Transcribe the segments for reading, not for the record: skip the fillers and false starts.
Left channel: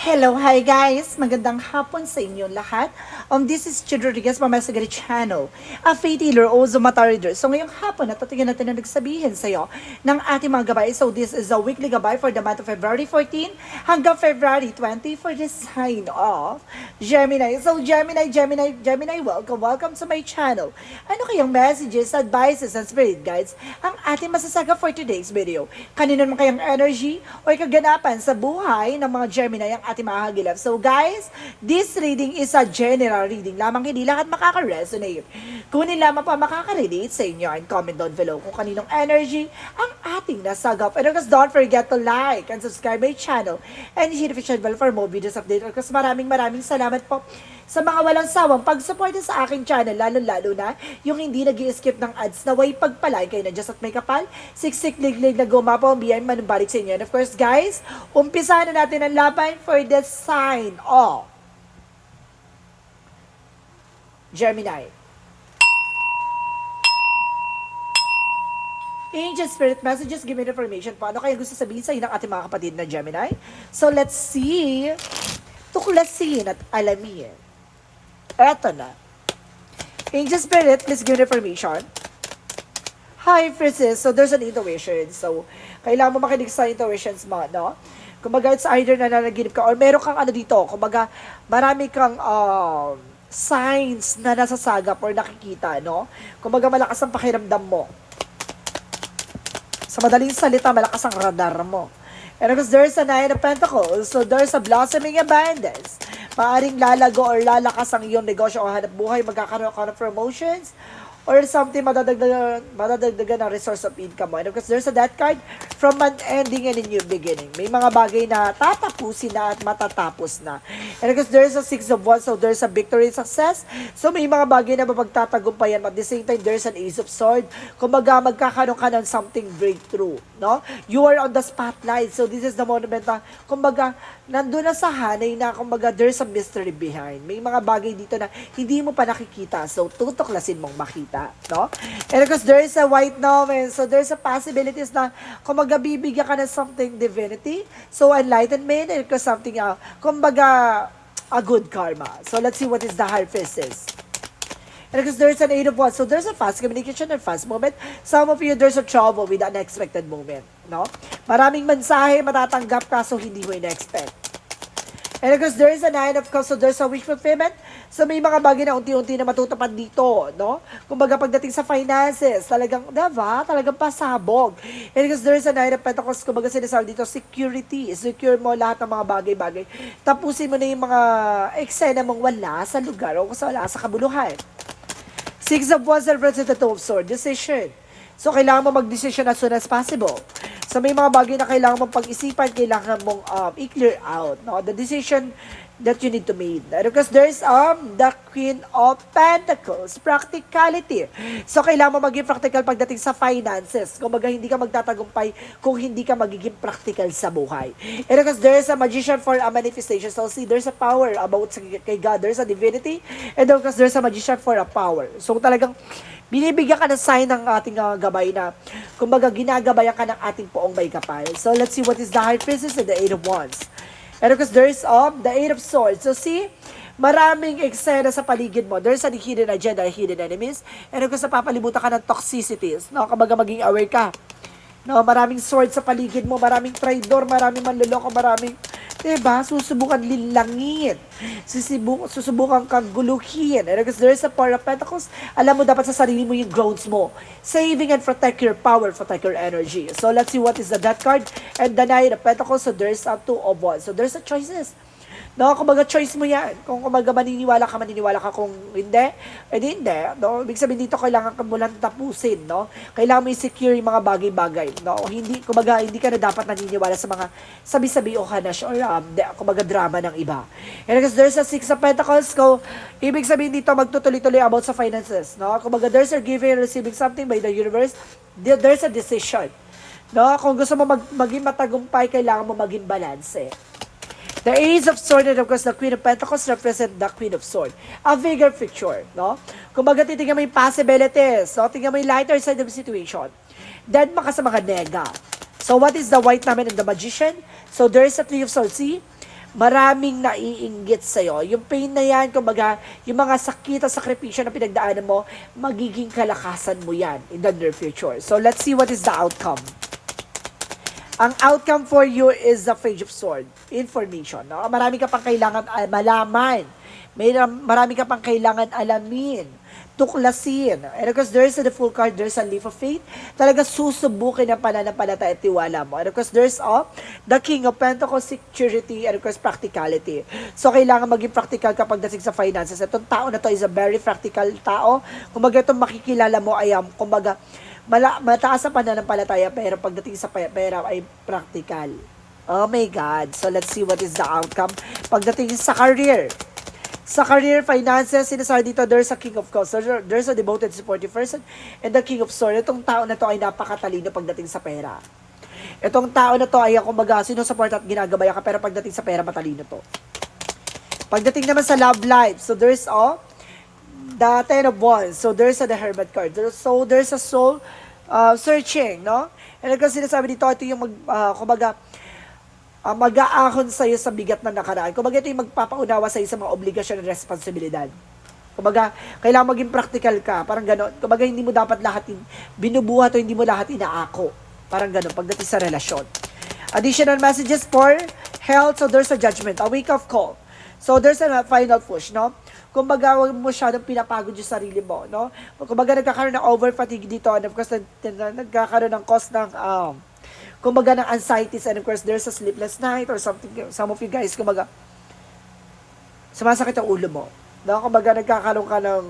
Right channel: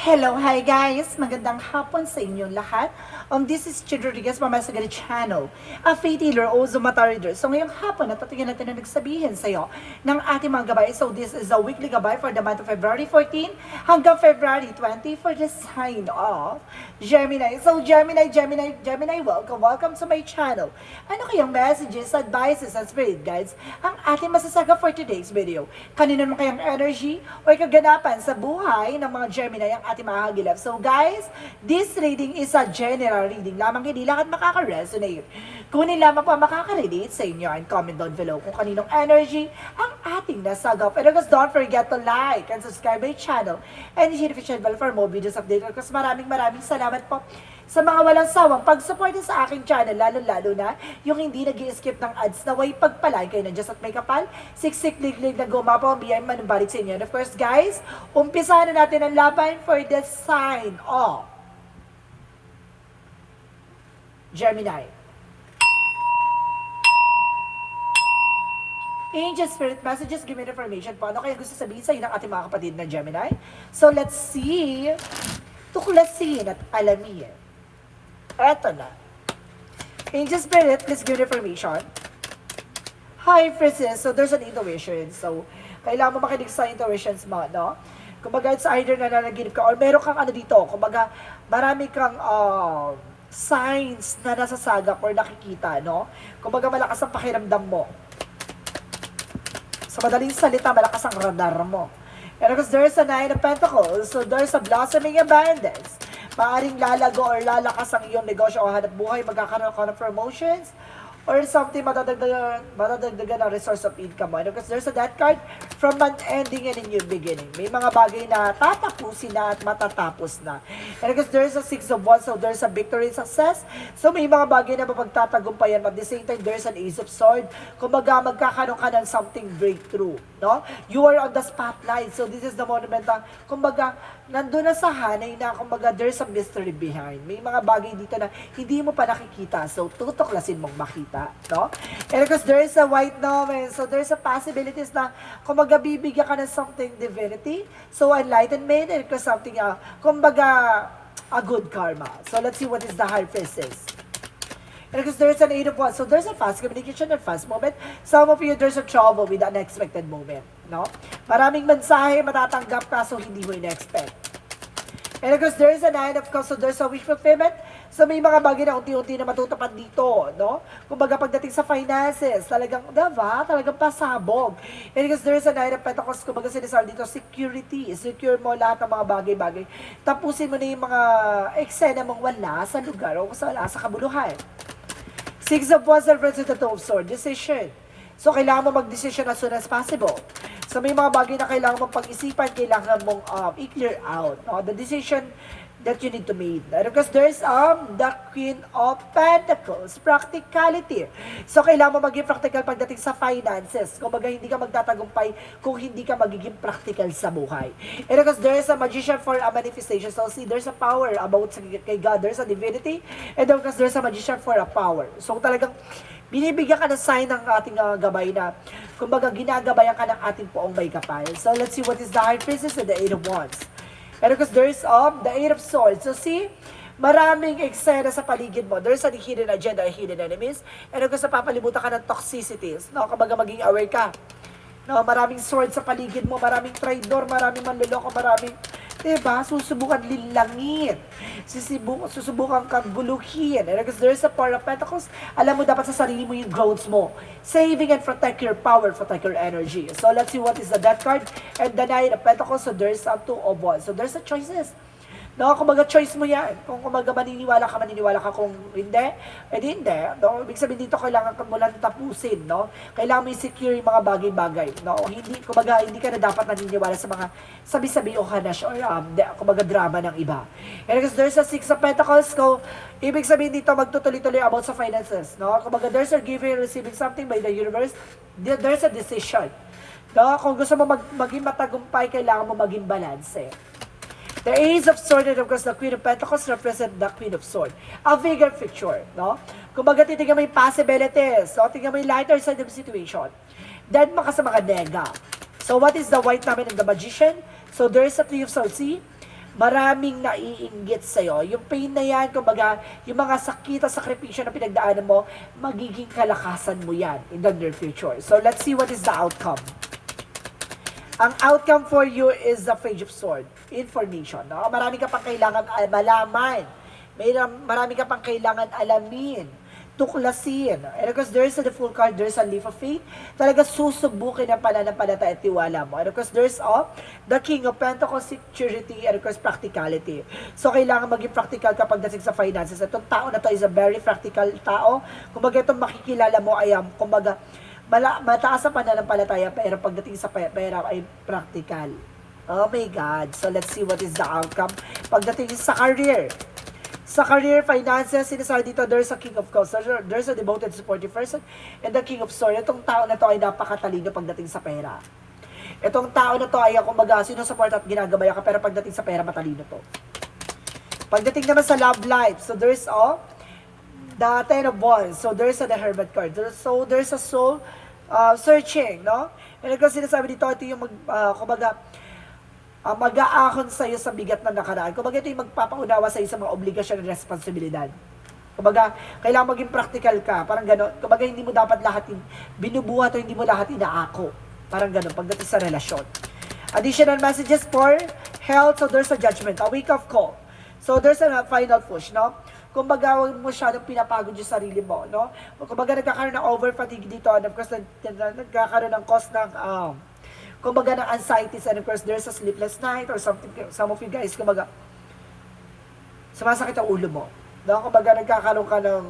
Hello, hi guys! Magandang hapon sa inyong lahat. This is Chid Rodriguez from my Sagari channel, a faith healer, also mata reader. So ngayong hapon, natatigan natin na nagsabihin sa iyo ng ating mga gabay. So this is a weekly gabay for the month of February 14 hanggang February 20 for the sign of Gemini. So Gemini, welcome to my channel. Ano kayang messages, advices, and spirit guides ang ating masasaga for today's video? Kanino naman kayang energy o kaganapan sa buhay ng mga Gemini ang ating mahagilap. So guys, this reading is a general reading lamang, hindi lahat makaka-resonate. Kung lamang pa makaka-relate sa inyo, and comment down below kung kaninong energy ang ating nasagap. And because don't forget to like and subscribe my channel and hit the notification bell for more videos update. Because maraming salamat po sa mga walang sawang pag-suporta sa aking channel, lalo na yung hindi nag-i-skip ng ads na way pagpalay kayo na Diyos at may kapal, siksik, liglig na gumapo, ang biyay manubalik sa inyo. And of course guys, umpisa na natin ang laban for the sign of Gemini. Angel Spirit Messages, give me information po. Ano kaya gusto sabihin sa inyo ng ating mga kapatid na Gemini? So let's see. Tuklasin at alamin. Eto na. Angel Spirit, please give me information. Hi, Francis. So there's an intuition. So kailangan mo makinig sa intuitions mo, no? Kumbaga, it's either na nanaginip ka or meron kang ano dito. Kumbaga, marami kang signs na nasasagap or nakikita, no? Kumbaga, malakas ang pakiramdam mo. Sa madaling salita, malakas ang radar mo. And because there's a Nine of Pentacles, so there's a blossoming abundance. Maaring lalago or lalakas ang iyong negosyo o hanap buhay, magkakaroon ka ng promotions, or something madadagdagan ng resource of income mo. And because there's a Death card from month ending and a new beginning. May mga bagay na tatapusin na at matatapos na. And because there's a Six of Wands, so there's a victory success. So may mga bagay na mapagtatagumpayan. At the same time, there's an Ace of Sword. Kumbaga, magkakaroon ka ng something breakthrough. No? You are on the spotlight. So this is the moment na, kumbaga, nandun na sa hanay na, kumbaga, there's a mystery behind. May mga bagay dito na hindi mo pa nakikita. So tutuklasin mong makita. No? And because there is a white novel, so there's a possibilities na kumbaga bibigyan ka ng something divinity, so enlightenment, and because something, kumbaga, a good karma. So let's see what is the high priestess. And because there's an Eight of Wands, so there's a fast communication and fast movement. Some of you, there's a trouble with an unexpected moment. No? Maraming mensahe matatanggap ka, so hindi mo in-expect. And because there's a Nine of Cups, so there's a wish fulfillment. So may mga bagay na unti-unti na matutupad dito, no? Kumbaga pagdating sa finances, talagang, diba? Talagang pasabog. And because there's a Nine of Pentacles, kumbaga sinasabi dito, security. Secure mo lahat ng mga bagay-bagay. Tapusin mo na yung mga eksena mong wala sa lugar o wala sa kabuluhan. Six of Wands represents the Two of Swords, decision. So kailangan mo mag-decision as soon as possible. So may mga bagay na kailangan mong pag-isipan, kailangan mong i-clear out, no? The decision that you need to make. Because there's the Queen of Pentacles, practicality. So kailangan mo maging practical pagdating sa finances. Kumbaga hindi ka magtatagumpay kung hindi ka magiging practical sa buhay. And because there's a magician for a manifestation. So see, there's a power about kay God. There's a divinity. And because there's a magician for a power. So talagang binibigyan ka ng sign ng ating gabay na, kumbaga, ginagabayan ka ng ating poong may kapal. So, let's see what is the High Priestess and the Eight of Wands. And because there is the Eight of Swords. So, see, maraming eksena sa paligid mo. There's a hidden agenda, hidden enemies. And because napapalibutan ka ng toxicities, no? Kumbaga, maging aware ka. No? Maraming swords sa paligid mo, maraming traidor, maraming manloloko, maraming, diba? Susubukan lilangin. Susubukan kang guluhin. And because there's a Four of Pentacles, alam mo dapat sa sarili mo yung growths mo. Saving and protect your power, protect your energy. So let's see what is the Death card and the Nine of Pentacles. So there's a Two of Wands. So there's a choices. No, kumbaga choice mo yan. Kung kumbaga maniniwala ka. Kung hindi, edi hindi. No? Ibig sabihin dito, kailangan ka mulang tapusin. No? Kailangan mo i-secure yung mga bagay-bagay. No? Hindi, kumbaga, hindi ka na dapat naniniwala sa mga sabi-sabi o hanash or kumbaga drama ng iba. And because there's a Six of Pentacles, ibig sabihin dito, magtutuloy-tuloy about sa finances. No? Kumbaga, there's a giving and receiving something by the universe. There's a decision. No? Kung gusto mo maging matagumpay, kailangan mo maging balance. The Ace of Swords and of course the Queen of Pentacles represent the Queen of Swords. A bigger picture, no? Kumbaga titignan mo yung possibilities, so tingnan mo yung lighter side of the situation. Then maka sa mga nega. So what is the White Diamond and the Magician? So there is a Three of Swords, see? maraming naiinggit sa'yo. Yung pain na yan, kumbaga, yung mga sakit at sakripisyo na pinagdaanan mo, magiging kalakasan mo yan in the near future. So, let's see what is the outcome. Ang outcome for you is the Page of Swords. Information. No? Marami ka pang kailangan malaman. Marami ka pang kailangan alamin. Tuklasin. And of course, there's the full card, there's a leap of faith. Talaga susubukin ang pananampalataya at tiwala mo. And of course, there's the King of Pentacles, security, and of course, practicality. So, kailangan maging practical kapag dating sa finances. Itong tao na to is a very practical tao. Kumbaga, itong makikilala mo ay, kumbaga, mataas ang pananampalataya, pero pagdating sa pera ay practical. Oh my God. So, let's see what is the outcome. Pagdating sa career. Sa career, finances, sinasabi dito, there's a King of Cups, there's a devoted, supportive person, and the King of Swords. Itong tao na to ay napakatalino pagdating sa pera. Itong tao na to ay kumbaga, sinusupport at ginagabaya ka, pero pagdating sa pera, matalino to. Pagdating naman sa love life, so there's the Ten of Wands, so there's the Hermit card. So there's a soul searching, no? And kasi sinasabi dito, ito yung kumbaga, mag-aahon sa'yo sa bigat na nakaraan. Kumbaga, ito yung magpapaunawa sa'yo sa mga obligasyon at responsibilidad. Kumbaga, kailangan maging practical ka. Parang gano'n. Kumbaga, hindi mo dapat lahat binubuhat o hindi mo lahat inaako. Parang gano'n, pagdating sa relasyon. Additional messages for health. So, there's a judgment, a wake-up call. So, there's a final push, no? Kumbaga, huwag mo masyadong pinapagod yung sarili mo, no? Kumbaga, nagkakaroon ng over-fatigue dito. And of course, nagkakaroon ng cause ng kumbaga ng anxieties, and of course there's a sleepless night or something. Some of you guys, kumbaga sumasakit ang ulo mo, no? Kumbaga nagkakaroon ka ng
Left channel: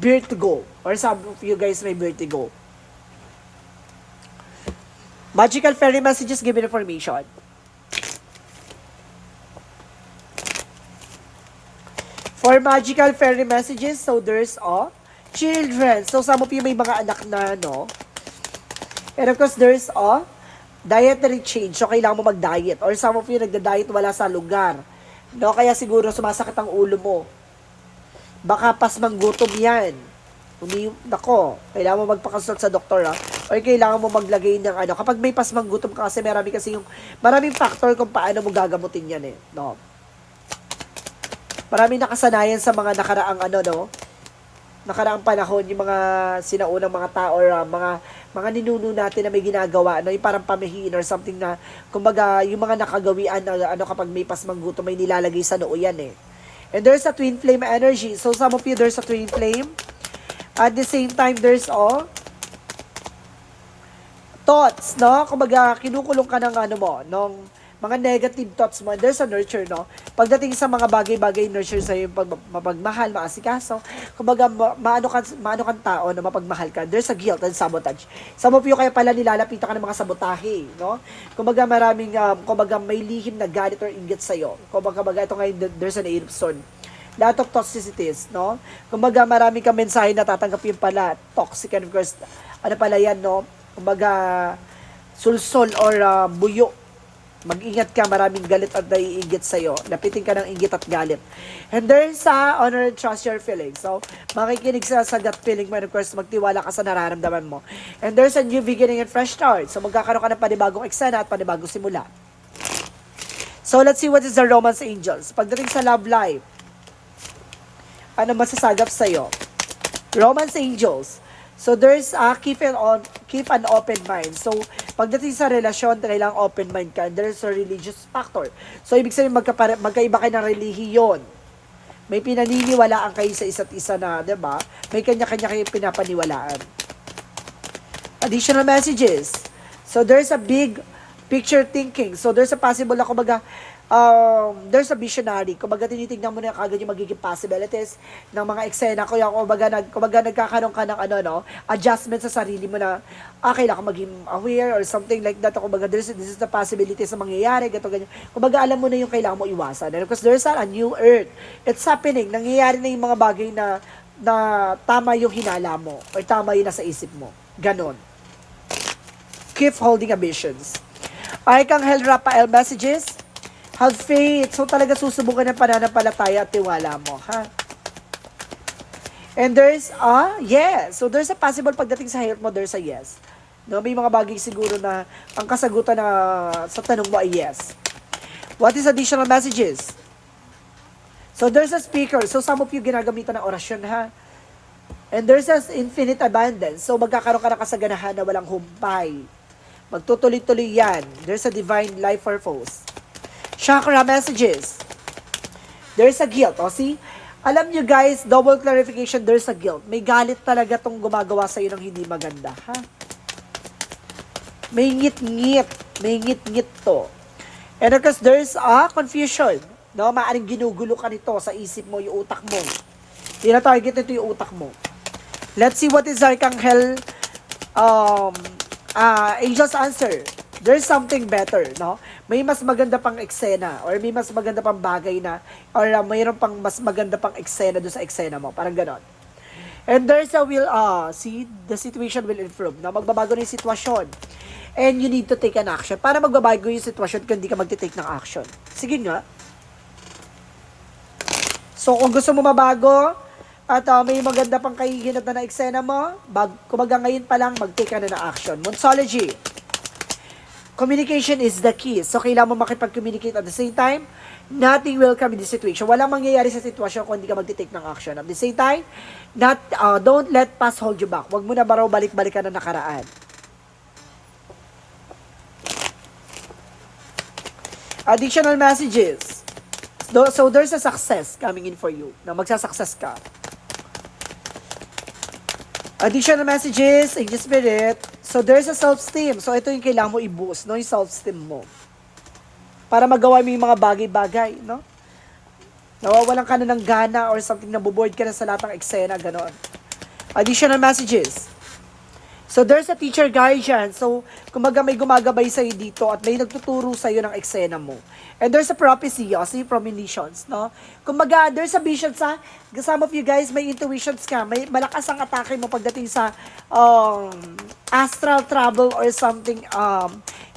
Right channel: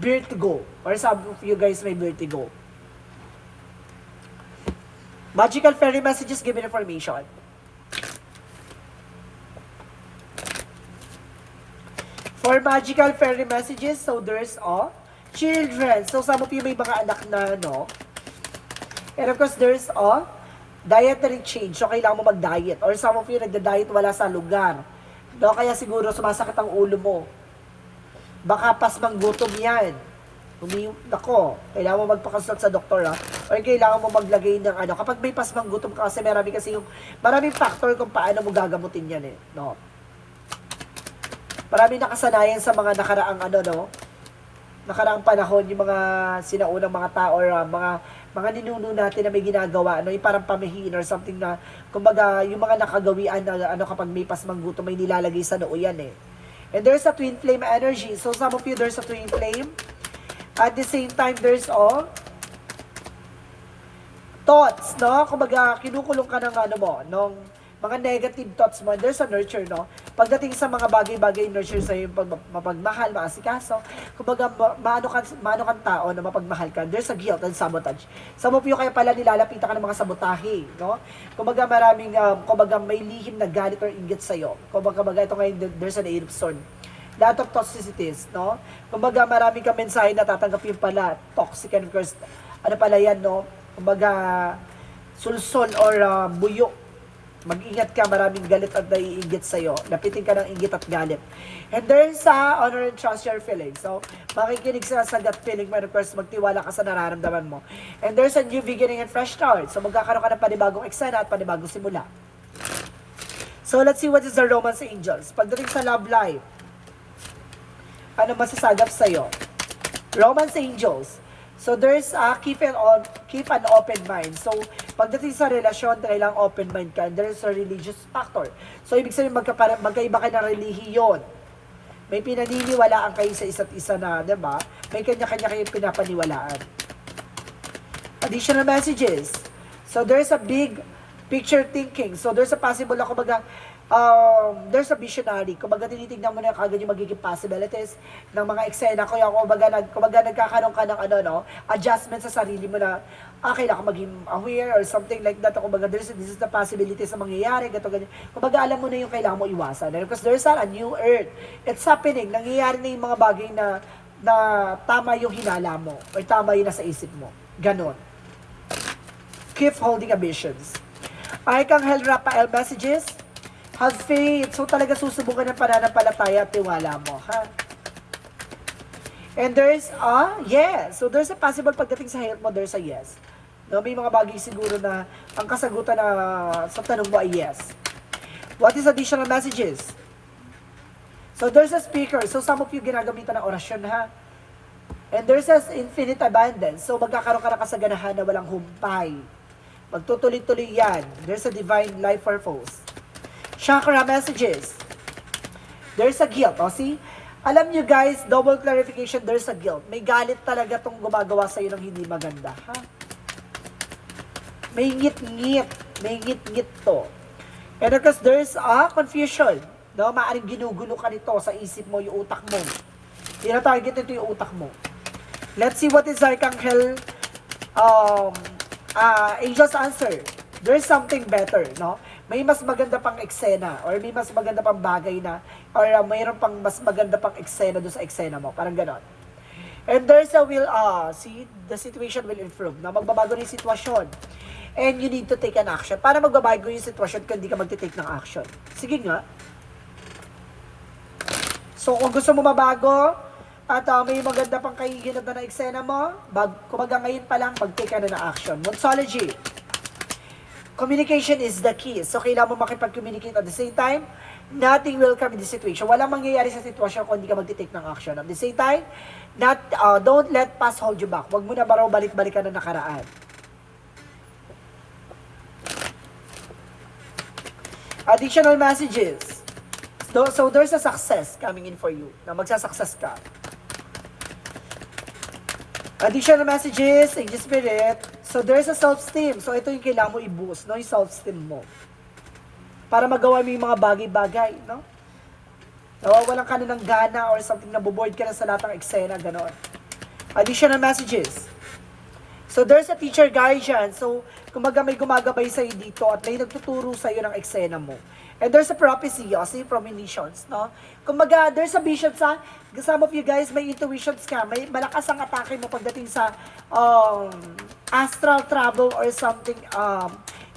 vertigo, or some of you guys may vertigo. Magical fairy messages, give me information. For magical fairy messages, so there's children. So some of you may mga anak na, no? And of course there's dietary change, so kailangan mo mag-diet. Or some of you nagda-diet wala sa lugar. No? Kaya siguro sumasakit ang ulo mo. Baka pasmang gutom yan. Nako, kailangan mo magpakonsult sa doktor, ha? Or kailangan mo maglagay ng kapag may pasmang gutom ka, kasi maraming factor kung paano mo gagamutin yan, eh. No? Maraming nakasanayan sa mga nakaraang nakaraang panahon, yung mga sinaunang mga tao or mga ninuno natin na may ginagawa, yung parang pamahiin or something na, kumbaga, yung mga nakagawian na kapag may pasmang gutom, may nilalagay sa noo yan, eh. And there's a twin flame energy. So some of you, there's a twin flame. At the same time, there's thoughts, no? Kumbaga, kinukulong ka ng nung mga negative thoughts mo. There's a nurture, no? Pagdating sa mga bagay-bagay, nurture sa'yo, mapagmahal, maasikaso. Kumbaga, maano kang tao na mapagmahal ka. There's a guilt and sabotage. Some of you kaya pala nilalapitan ka ng mga sabotahe, no? Kumbaga, kumbaga, may lihim na galit or inggit sa'yo. Kumbaga, ito ngayon, there's an Eight of Swords. Lot of toxicities, no? Kumbaga, marami kang mensahe na tatanggap yung pala, toxic, and of course, pala yan, no? Kumbaga, sulsol or buyo. Mag-ingat ka, maraming galit at naiinggit sa'yo. Lapitin ka ng inggit at galit. And there's honor and trust your feelings. So, makikinig sa gut feeling mo, and of course, magtiwala ka sa nararamdaman mo. And there's a new beginning and fresh start. So, magkakaroon ka ng panibagong eksena at panibagong simula. So, let's see what is the romance angels. Pagdating sa love life, ano masasagap sa'yo? Romance angels. So, there's keep an open mind. So, pagdating sa relasyon, kailangang open mind ka. And there's a religious factor. So, ibig sabihin, magkaiba kayo ng relihiyon. May pinaniniwalaan kayo sa isa't isa na, diba? May kanya-kanya kayong pinapaniwalaan. Additional messages. So, there's a big picture thinking. So, there's a possible na, kumbaga, there's a visionary. Kumbaga, tinitignan mo na kagad yung magiging possibilities ng mga eksena. Kumbaga, nagkakaroon ka ng adjustment sa sarili mo na, kailangan maging aware or something like that. Kumbaga, this is the possibilities na mangyayari, gato, ganyan. Kumbaga, alam mo na yung kailangan mo iwasan. And because there's a new earth. It's happening. Nangyayari na yung mga bagay na tama yung hinala mo or tama yung nasa isip mo. Ganon. Keep holding ambitions. Archangel Raphael messages. Have faith. So talaga susubukan ng pananampalataya at tiwala mo, ha? And there's yes. So there's a possible pagdating sa health mo, there's a yes. No, may mga bagay siguro na ang kasagutan na sa tanong mo ay yes. What is additional messages? So there's a speaker. So some of you ginagamitan ng orasyon ha. And there's this infinite abundance. So magkakaroon ka ng kasaganahan na walang humpay. Magtutuloy-tuloy yan. There's a divine life purpose. Chakra messages. There's a guilt. O see? Alam nyo guys, double clarification, there's a guilt. May galit talaga tong gumagawa sa'yo ng hindi maganda. Ha? May ngit-ngit. May ngit-ngit to. And of course, there's a confusion. No? Maaring ginugulo ka nito sa isip mo, yung utak mo. Tina-target ito yung utak mo. Let's see what is Archangel Angel's answer. There's something better, no? May mas maganda pang eksena or may mas maganda pang bagay na or mayroon pang mas maganda pang eksena doon sa eksena mo. Parang ganon. And there's a will, see, the situation will improve. Na magbabago na yung sitwasyon. And you need to take an action. Para magbabago yung sitwasyon kung hindi ka magte-take ng action. Sige nga. So, kung gusto mo mabago, at may maganda pang kahihinatan na eksena mo, kumaga ngayon pa lang, mag-take ka na ng action. Monsology. Communication is the key. So, kailangan mo makipag-communicate at the same time, nothing will come in the situation. Walang mangyayari sa sitwasyon kung hindi ka mag-take ng action. At the same time, don't let past hold you back. Huwag mo na baraw balik-balikan na nakaraan. Additional messages. So, there's a success coming in for you. Na magsasuccess ka. Additional messages, Angel Spirit. So, there's a self-esteem. So, ito yung kailangan mo i-boost, no? Yung self-esteem mo. Para magawa mo yung mga bagay-bagay, no? Nawawalan ka na ng gana or something, naboboard ka na sa lahat ng eksena, gano'n. Additional messages. So, there's a teacher guardian. So, kumbaga may gumagabay sa'yo dito at may nagtuturo sa'yo ng eksena mo. And there's a prophecy, see, premonitions, no? Kumbaga, there's a vision sa, some of you guys, may intuitions ka, may malakas ang atake mo pagdating sa astral travel or something,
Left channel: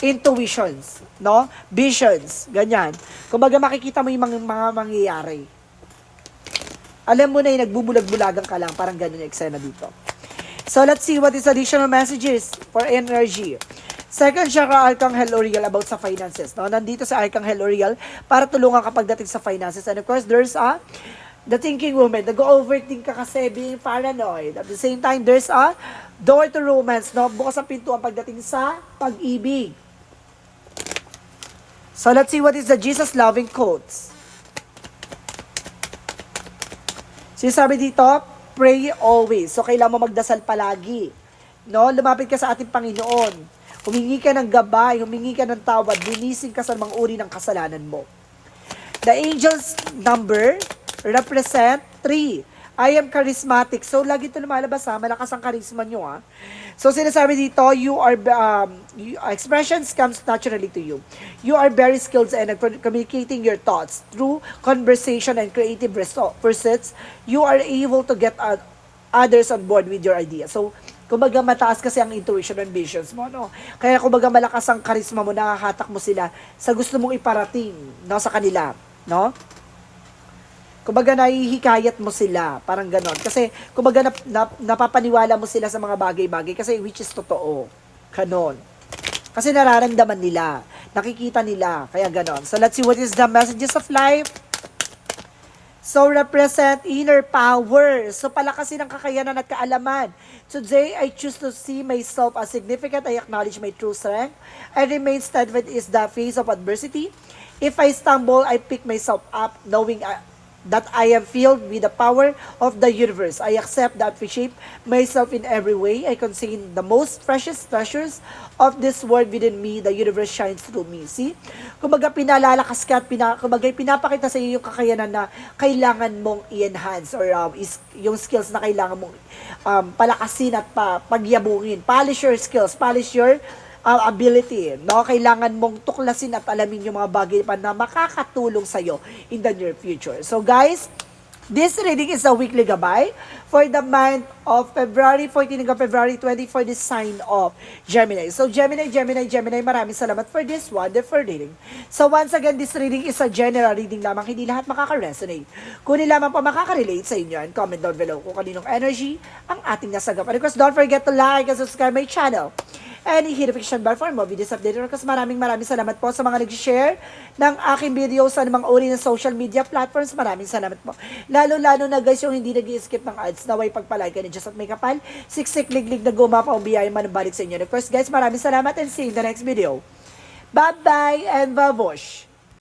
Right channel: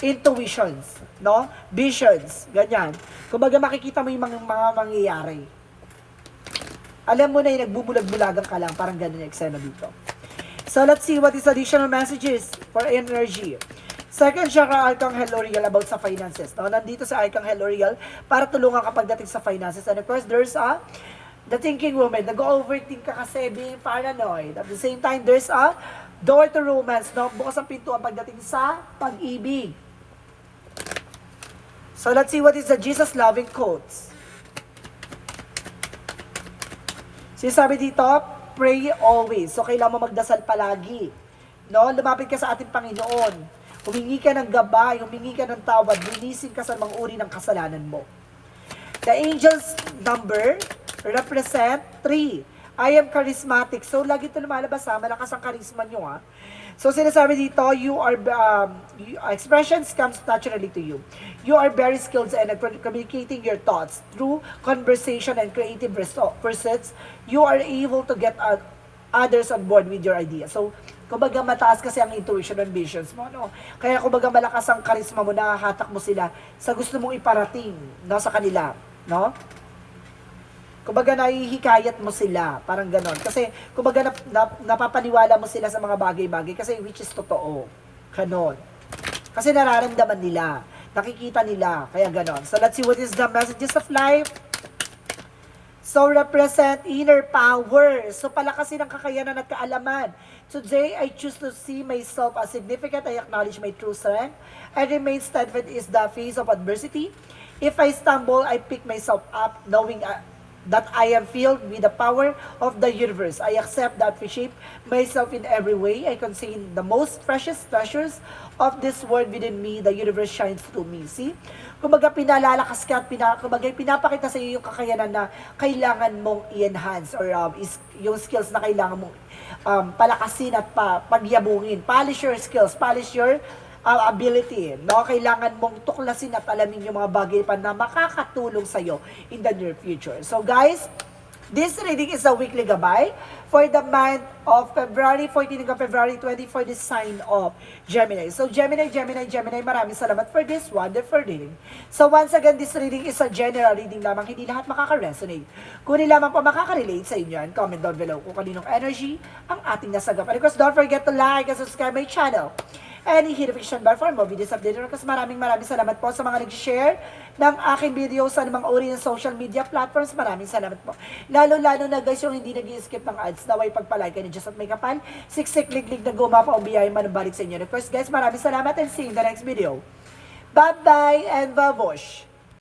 intuitions, no? Visions, ganyan. Kumbaga, makikita mo yung mga mangyayari. Alam mo na yung nagbubulag-bulagan ka lang, parang ganun yung eksena dito. So, let's see what is additional messages for energy. Second chakra, Archangel Uriel about sa finances. No? Nandito sa Archangel Uriel para tulungan ka pagdating sa finances. And of course, there's the thinking woman. Nag-overthink ka kasi being paranoid. At the same time, there's a door to romance. No? Bukas ang pintuan pagdating sa pag-ibig. So, let's see what is the Jesus-loving quotes. Sinasabi dito, pray always. So, kailangan mo magdasal palagi. No? Lumapit ka sa ating Panginoon. Humingi ka ng gabay, humingi ka ng tawad, linisin ka sa mga uri ng kasalanan mo. The angel's number represent 3. I am charismatic. So, lagi ito lumalabas malakas ang charisma nyo So, sinasabi dito, expressions comes naturally to you. You are very skilled in communicating your thoughts through conversation and creative pursuits. You are able to get others on board with your idea. So, kumbaga mataas kasi ang intuition and visions mo, no? Kaya kumbaga malakas ang charisma mo, nakakatak mo sila sa gusto mong iparating, no, sa kanila, no? Kumbaga nahihikayat mo sila, parang ganon. Kasi kumbaga napapaniwala mo sila sa mga bagay-bagay kasi which is totoo. Ganon. Kasi nararamdaman nila, nakikita nila, kaya ganon. So let's see what is the messages of life. So represent inner power. So palakasin ang kakayanan at kaalaman. Today, I choose to see myself as significant. I acknowledge my true strength. I remain steadfast in the face of adversity. If I stumble, I pick myself up, knowing that I am filled with the power of the universe. I accept that I shape myself in every way. I contain the most precious treasures of this world within me. The universe shines through me. See? Kumbaga pinalalakas ka at kumbaga pinapakita sa iyo yung kakayanan na kailangan mong i-enhance or yung skills na kailangan mong palakasin at pagyabungin. Polish your skills, polish your ability, no? Kailangan mong tuklasin at alamin yung mga bagay pa na makakatulong sa'yo in the near future. So guys, this reading is a weekly gabay for the month of February 14 hanggang February 20 for the sign of Gemini. So Gemini, maraming salamat for this wonderful reading. So once again, this reading is a general reading lamang, hindi lahat makaka-resonate. Kung lamang po makaka-relate sa inyo, and comment down below kung kaninong energy ang ating nasagap. And of course, don't forget to like and subscribe my channel. and hit the notification bell for more videos updated. Kasi maraming salamat po sa mga nag-share ng aking video sa mga uri ng social media platforms. Maraming salamat po. Lalo-lalo na guys yung hindi nag-skip ng ads, naway pagpalay ka ni Diyos at may kapal. Siksik, liglig na gumapa ang biyaya manubalik sa inyo. Of course guys, maraming salamat and see you in the next video. Bye-bye and babush!